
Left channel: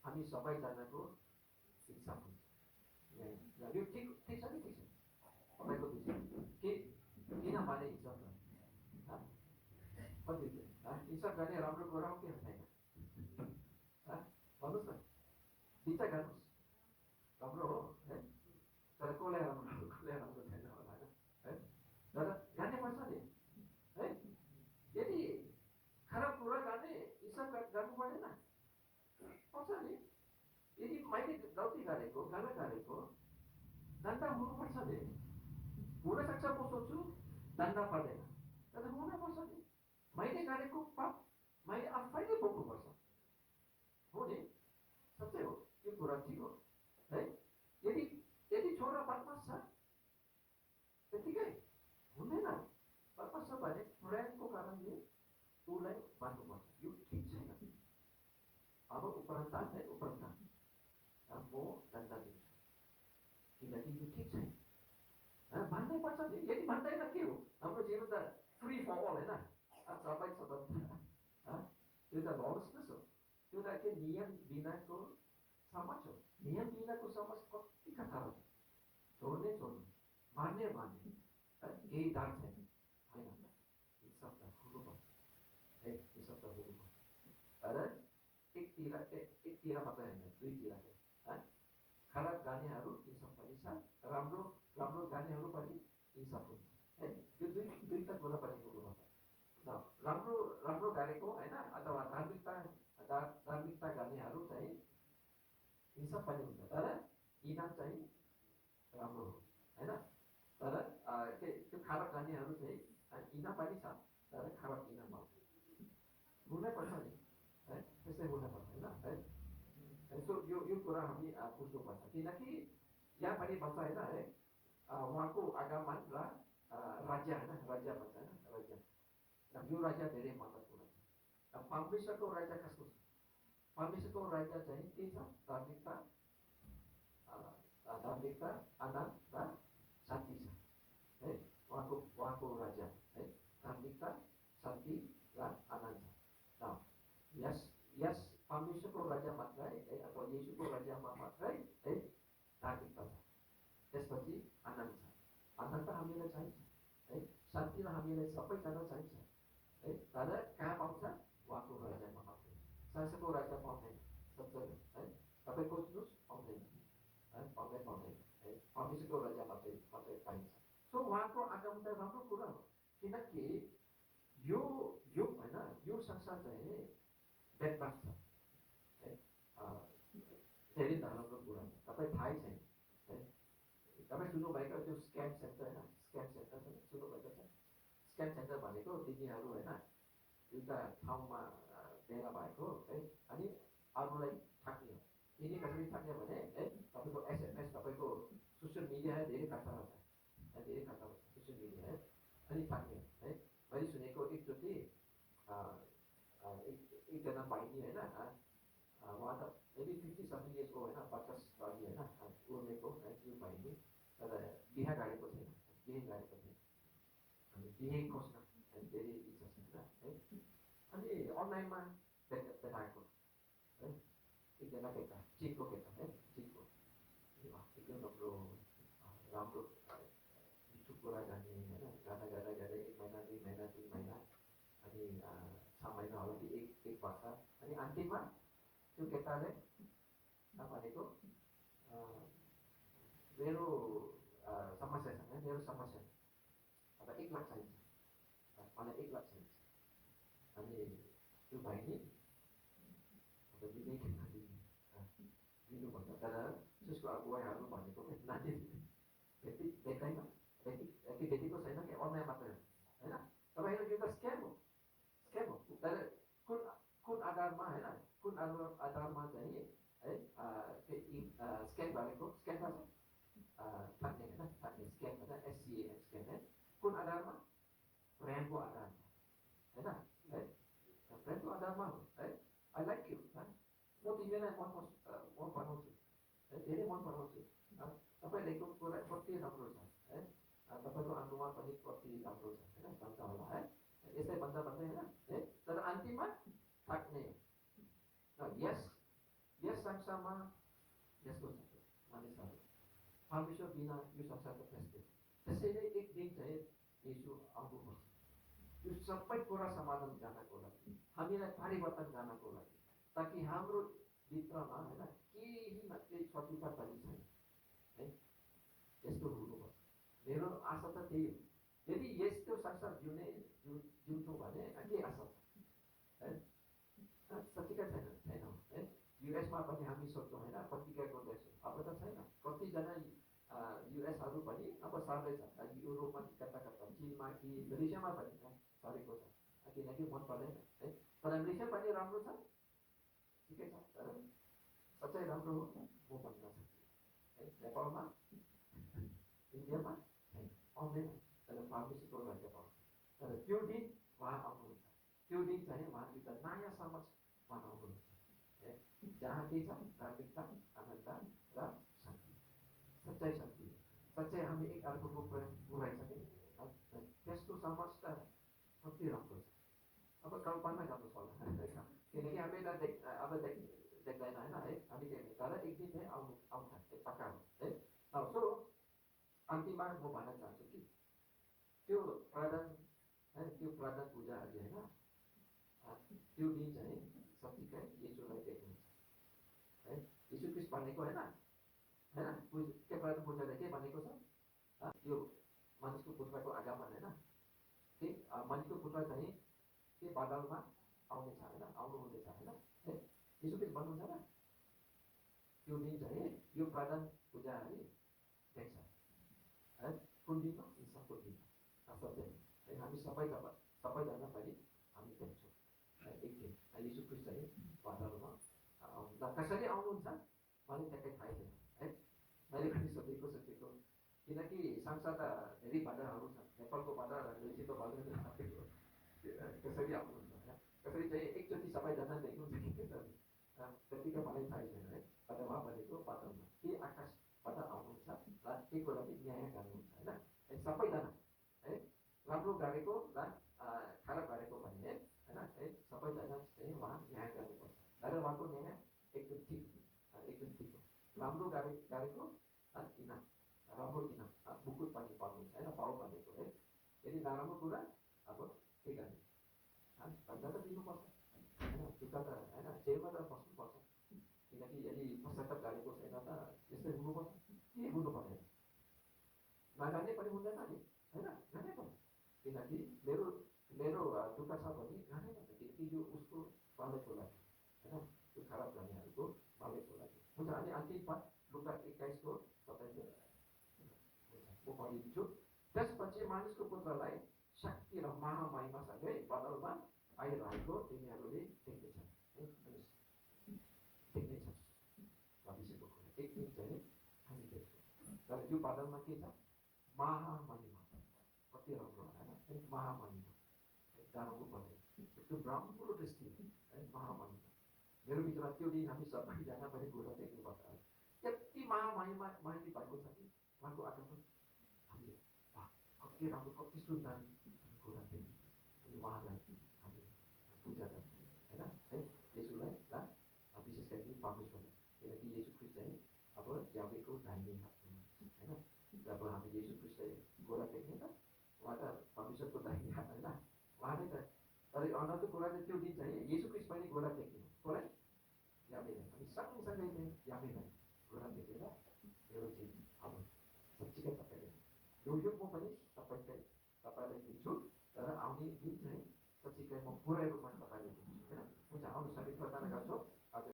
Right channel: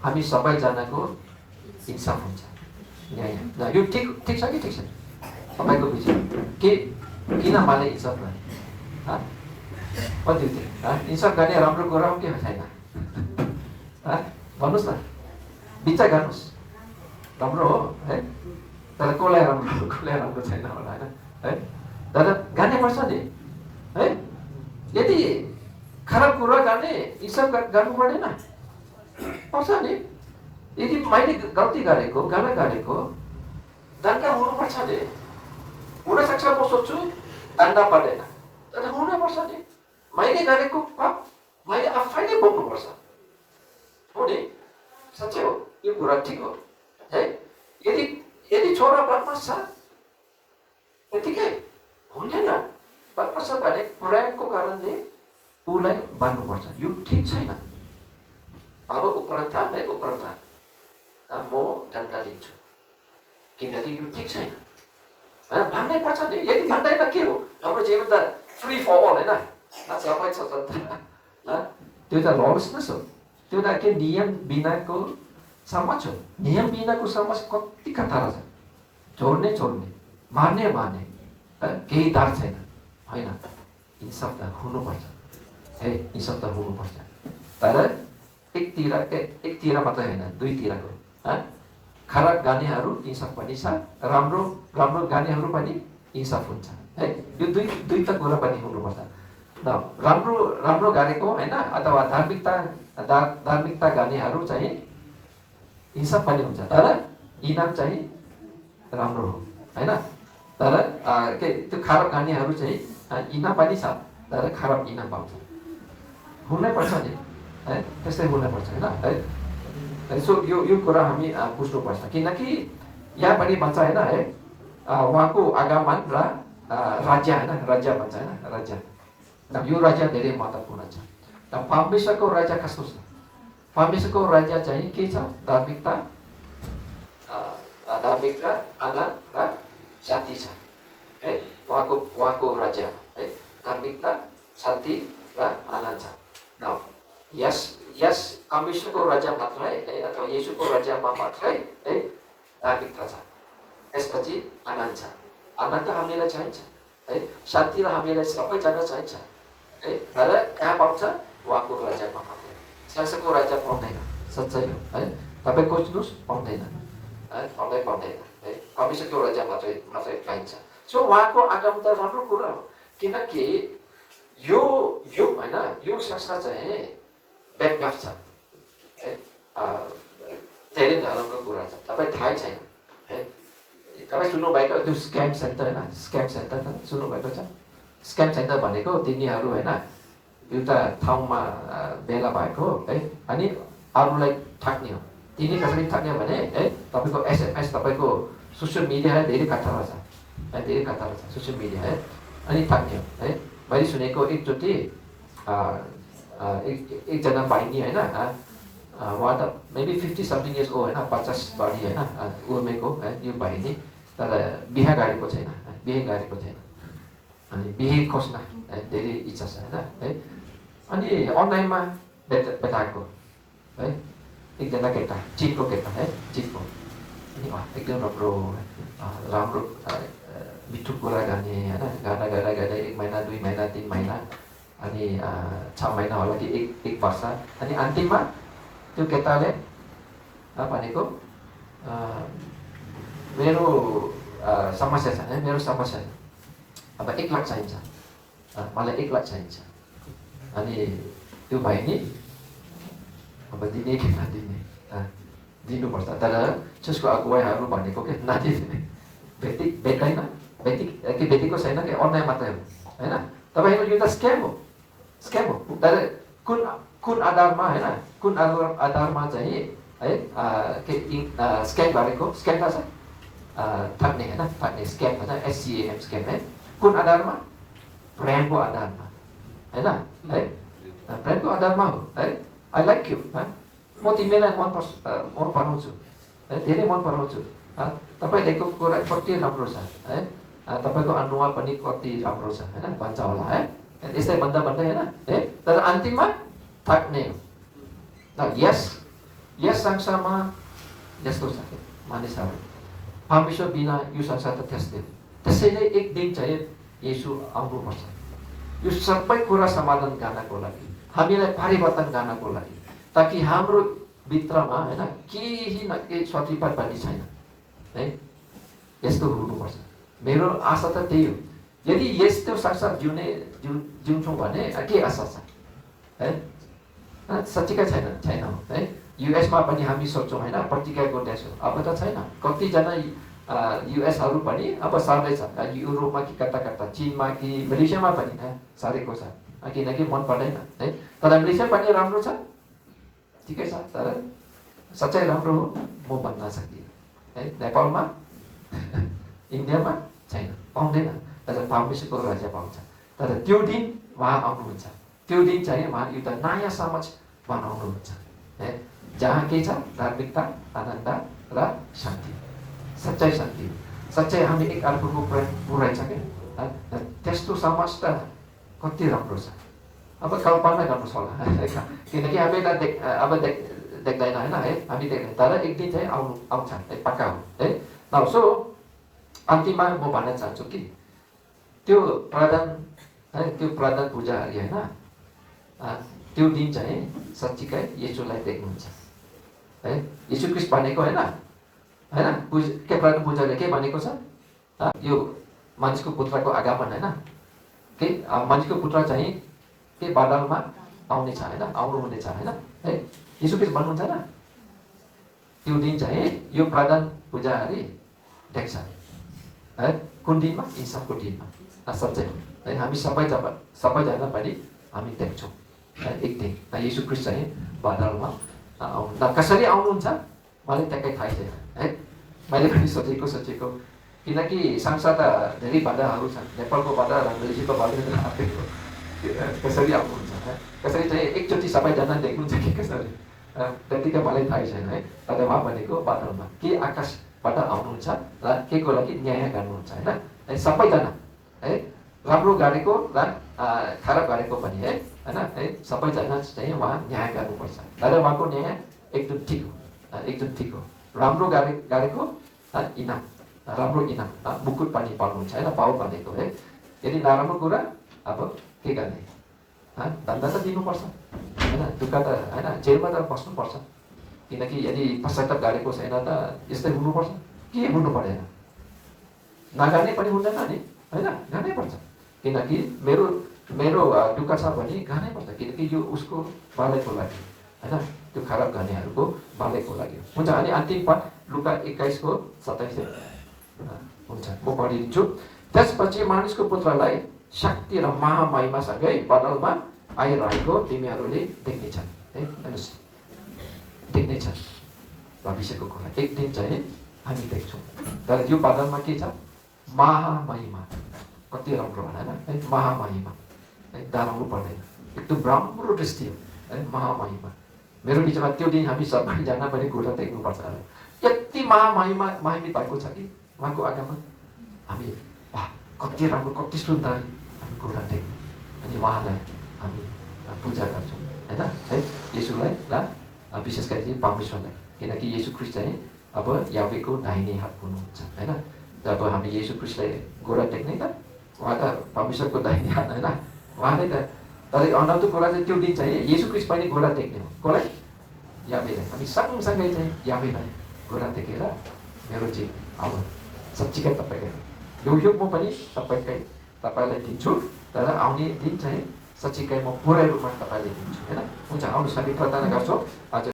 हामी सबैजनाको इन्साफ हुन्छ, न्याय। यो ठिक छ कि ठिक छैन तपाईँको विचार? किन माले इन्साफ गर्ने? इन्साफ गर्ने राम्रो कुरा हो कि छैन? भन्नुहोस् न, विचार गर्नुहोस्। राम्रो हो है, तर कसलाई राम्रो छैन होला होइन है। तर गाने पर्छ नि है। यदि खराब कुरा गर्ने इन्साफ गर्नु पर्दैन? पर्छ नि। यदि मैले गल्ती गरेको, गाना गरेको, दण्ड हुनुपर्छ नि। हुनसक्छ म सोध्छु दण्ड पर्दैन, तर हुनुपर्छ नि। मैले गरेको पाप मैले आफैले भोग्नुपर्छ हो नि। साँच्चै हो, यो कुरा ठिक हो है। यदि छोरा बदमास छ त्यतिकै हुँदैन। बदमास छ भने प्रेमको कारणले उसलाई बाँध्नुपर्छ। यो ठिक छैन। अब उपरान्त म दण्ड दिन्छु किनकि यो ठिक छैन। भन्नै पर्छ नि। यदि भन्दैन के हो? हाम्रो जीवन त फ्री फर अल होइन, सबै छ। त्यो त लसलेस हो। त्यो त के नियम बिनाको समाज हो। नियम बिनाको समाज कति खतरा छ। छोड्ने, मार्ने, केही डर छैन होइन। इन्साफ त हुनुपर्छ है, इन्साफ त हुनुपर्छ। तर एकतिर मात्रै होइन, दुईतिरको। खराब गानेहरू इन्साफ पनि छ, राम्रो गानेहरू पनि इन्साफ हुन्छ है। यो दुईटा कुरा पनि हुनुपर्छ। राम्रो गानेको होइन अथवा धार्मिकता गानेहरू चाहिँ इन्साफ पनि हुन्छ, तर इनाम चाहिँ राम्रो हो होइन। तर त्यो खराब गानेहरू चाहिँ इनाम पनि छ, तर खराब इनाम पाउँछ। हुनैपर्छ नि है, त्यस्तै हुनैपर्छ होइन है। सो यो कुरा हामी बुझ्नुपर्छ, किनकि यहाँ पनि भन्छ होइन है, उहाँको आगमन र राज्य होइन, राज्य भन्छ होइन, राज्य। यो राज्य धेरै महत्त्वपूर्ण छ। परमेश्वरको राज्य कस्तो छ? परमेश्वरको राज्य चाहिँ के छ? धार्मिकता, आनन्द र शान्ति छ है। उहाँको राज्य है, धार्मिकता, शान्ति र आनन्द छ। यस परमेश्वरको राज्य मात्रै है अथवा येशूको राज्यमा मात्रै है धार्मिकता छ। त्यसपछि आनन्द छ। आनन्द हामीलाई चाहिन्छ है, शान्ति र हामीलाई सबैजना चाहिन्छ है। तर कहाँ पाउँछ? उहाँको राज्यमा मात्रै। संसारको राज्य पाउँदैन, सच्चै हो है। तपाईँ खोज्नुहोस्, पाउँदैन है, पाउँदैन है। परमेश्वरको राज्य मात्रै पाइन्छ। सो उहाँको आगमन त राम्रो कुरा हो, किनकि यो होइन, यो संसार चाहिँ ब्याकअप छ है। धेरै धर्मको कुरा छ, तपाईँ थाहै छैन है। तपाईँ सुन्नुभएको त्यो स्क्याम सेन्टर होइन, स्क्याम सेन्टर सुन्नुभएको छ? स्क्याम सेन्टर भनेको तिनीहरू होइन एउटा ठाउँमा भेला भएको है, अनि अरूलाई ठग्ने हो। तिनी कसरी ठग्ने भने है, तपाईँको एसएमएस, तपाईँको सोसियल मिडियालाई धेरै खतरा छ है, धेरै खतरा छ सोसियल मिडिया है, अनि ठग्ने हो है। मैले सुनेको एकचोटि एकजना बहिनी होइन, उहाँ त मेबी 50 something years old होइन, 50 बढी होइन, उमेरको है यो बहिनी, तर बिहे गरेको छैन, अनि बिहे खोज्न धेरै इच्छा छ होइन है। अनि अनलाइनमा भेटाएको है एकजना केटा, चिनको केटा है, चिनको अनि एकदम राम्रो मिठो कुरा गर्ने होइन, गाना गाँदा 1 महिना 2 महिना 3 महिना अनि 6 महिना होला कि 1 वर्ष, अनि अन्तिममा त्यो केटाले भनेको मेरो समस्या छ, मेरो समस्या अब 1 लाख चाहिन्छ, मलाई 1 लाख चाहिन्छ। अनि त्यो भाइ नि अब दिने कि नदिने, दिनुपर्छ, तर त्यसको अगुवाईहरू भनेको के नदिने, भेट्दैन, भेटेको छैन कि अन्याय मात्रै हो होइन। तपाईँको यो त स्क्याम हो, स्क्याम हो। तर कुन आधारमा होइन, कुन आधारमा चाहिँ है के स्क्याम गरेको, स्क्याम थाहा छ, ठग्ने होइन, ठग्ने स्क्याम होइन, SCAM स्क्याम है। कुन आधारमा? प्रेमको आधारमा होइन है, प्रेमको आधारमा हो है। आई लाइक यु, म तिमीलाई मन पराउँछु है, धेरै मन पराउँछु, तपाईँ दिएको कुरा कति राम्रो छ है, तपाईँको अनुहार पनि कति राम्रो छ होइन भन्छ होला है, यस्तै भन्दा भन्दै होइन है। तर अन्तिममा ठग्ने हो। यस संसारमा यस्तो छ मानिसहरू, परमेश्वर बिना यो संसार त त्यस्तै हो। त्यसैले एक दिन चाहिँ येशू आउनुपर्छ, यो सबै कुरा समाधान गर्नको लागि, हामीलाई परिवर्तन गर्नको लागि, ताकि हाम्रो भित्रमा होइन केही न केही सतिपात पनि छैन है। यस्तो हुनुपर्छ, मेरो आशा त त्यही हो। यदि यस्तो संसार जिउँछौँ भने के आशा छ है, साँच्चीकै छैन है। युएसमा पनि हामी सोच्छौँ होइन प्रतिज्ञाको देश हो, अब त छैन। कतिजना युएसहरू पनि अब सर्दैछ, युरोपमा कि कता चिनमा कि मलेसियामा पनि सरेको छ, किनकि मन पर्दैन है। तर मलेसिया पनि राम्रो छ, ठिकै छ, तर सच्चाइ राम्रो हो म भन्न सक्दिनँ है। नेपालमा इन्डियामा छैन, पाउँदैन, तर परमेश्वरको राज्य पाउँछ। तर त्यो दिन उहाँ आउनुहुन्छ, त्यो दिन चाहिँ उहाँ एउटा नयाँ समाज बनाउनुहुन्छ है, जहाँ के छ धार्मिकता, आनन्द र शान्ति, सच्चाइ शान्ति। सच्चाइ हामी एक अर्कोको प्रेम पुऱ्याइछ क्या, त्यस्तो समाज त कति राम्रो छ। अब कल्पना गर्नुहोस् होला, किनकि हामीलाई अब देख्दैन होइन है, हामी देख्दैन, तर एक दिन चाहिँ आउँछ है, पक्का हो है। न सो अन्तिममा म भन्न चाहन्छु कि त्यो प्रधान है, त्यो प्रधान पूजारी होइन, त्यो दिन चाहिँ साँच्चीकै येशूलाई देख्नुहुन्छ है। येशू ख्रीष्ट भनेको होइन के प्रधान पूजाले के भनेको छ, यो मानिसको पुत्रको आगमन होइन, के मानिसको पुत्र चाहिँ के बादलमा आउनेछ होइन, आउनुहुनेछ होइन है, येशू ख्रीष्ट भन्नुहुन्छ न। त्यो दिन चाहिँ यो प्रधान पूजारी देख्छ है, कुन दिनमा? ईसाको दिनमा, सच्चै है। हामी सबैजना पनि हामी देख्छौँ है एक दिन, येशू ख्रीष्ट चाहिँ बादलमा आउनु। कसरी आउनुहुन्छ मलाई ट्याक्कै थाहै छैन है, मैले पनि सोचेको, किनकि संसार त धेरै बाधाहरू छन्, नेपालको बाधा र मलेसियाको बाधा आफैको, कसरी आउनुहुन्छ है, कसरी चाहिँ एकचोटि सबैजना देख्नुहुन्छ कि कसरी, त्यतिकै मलाई थाहै छैन है। तर उहाँ भनेको बादलमा के आकाशबाट आउनुहुन्छ र के को लागि न्याय गर्नुहुन्छ होइन, सबैजना है, राम्रो गरेको र खराब गरेको पनि है होइन, सबैजना चाहिँ उहाँ न्याय गर्नुपर्छ। तर उहाँको न्याय एकदम ठिक हो, एकदम ठिक हो। राम्रो गरेको इनाम, राम्रो इनाम, मुकुट पनि पाउनुहुन्छ होइन, पाउ भनेको है। यदि नराम्रो कुरा अब के गर्ने, दण्ड त दिनुपर्छ होइन, दुःख त होइन, जेलमा त बस्नुपर्छ, किनकि यदि पश्चाताप गरेको छैन त यस्तै हुनुपर्छ, के हुनु परेन, नगर्ने पनि हुँदैन नि होइन, गर्नै पर्छ। किनकि मेरो दुःख छ भने गर्नै पर्छ, किनकि यो उसको बालैको लागि होइन, त्यो खराब गर्नेहरूको बालैको लागि हुन्छ। अनि अन्तिम पद लुका 21:27 हुन्छ, म पढिदिन्छु। त्यसपछि मानिसको पुत्रलाई शक्ति र महामहिमासँगै बदलमा आइरहेको तिमीहरूले देख्नेछन् है, हेर्नुहोस् देख्नेछन् भविष्यको कुरा, एक दिन चाहिँ हामी देख्छौँ। तर यो बदलमा के छ? महामहिमा, कति राम्रो होला है, महामहिमा है, डराउनु पर्दैन, एकदम राम्रो दृष्टि हो है, महामहिमा। मेरो बिचमा त्यो दिन हामी सबैजना पनि कुरा देख्नुपर्छ, यति महिमित भएको छ कि उहाँको आगमन, हामी वाह कति राम्रो, कति सुन्दर हामी कुरा देख्छौँ, अनि उहाँलाई हामी पूजा गर्छौँ होइन है, येशूलाई र विशेष गरी चाहिँ परमेश्वरलाई, किनकि येशू ख्रीष्ट चाहिँ अब यावेको दाहिने हात हुनुहुन्छ होइन। जब हामी येशू क्रिस्टलाई घोडा टेक्ने त उहाँ त परमेश्वरको दाहिने हात होइन उहाँले त। तर अनौठो कुरा चाहिँ त्यो दिन चाहिँ येशू क्रिस्ट पनि घोडा टेक्ने हो। कसलाई? यावेलाई। हामी सँगसँगै चाहिँ यावेलाई घोडा टेकेर मेरो चाहिँ अब साँच्चीकै तपाईँको यो म पनि तपाईँलाई दिन्छु, तर आउने दिन चाहिँ साँच्चीकै म पुरै रूपमा तपाईँलाई दिन्छु होइन। हुन्छ, आउनुहोस् हामी प्रार्थना गर्छौँ। आज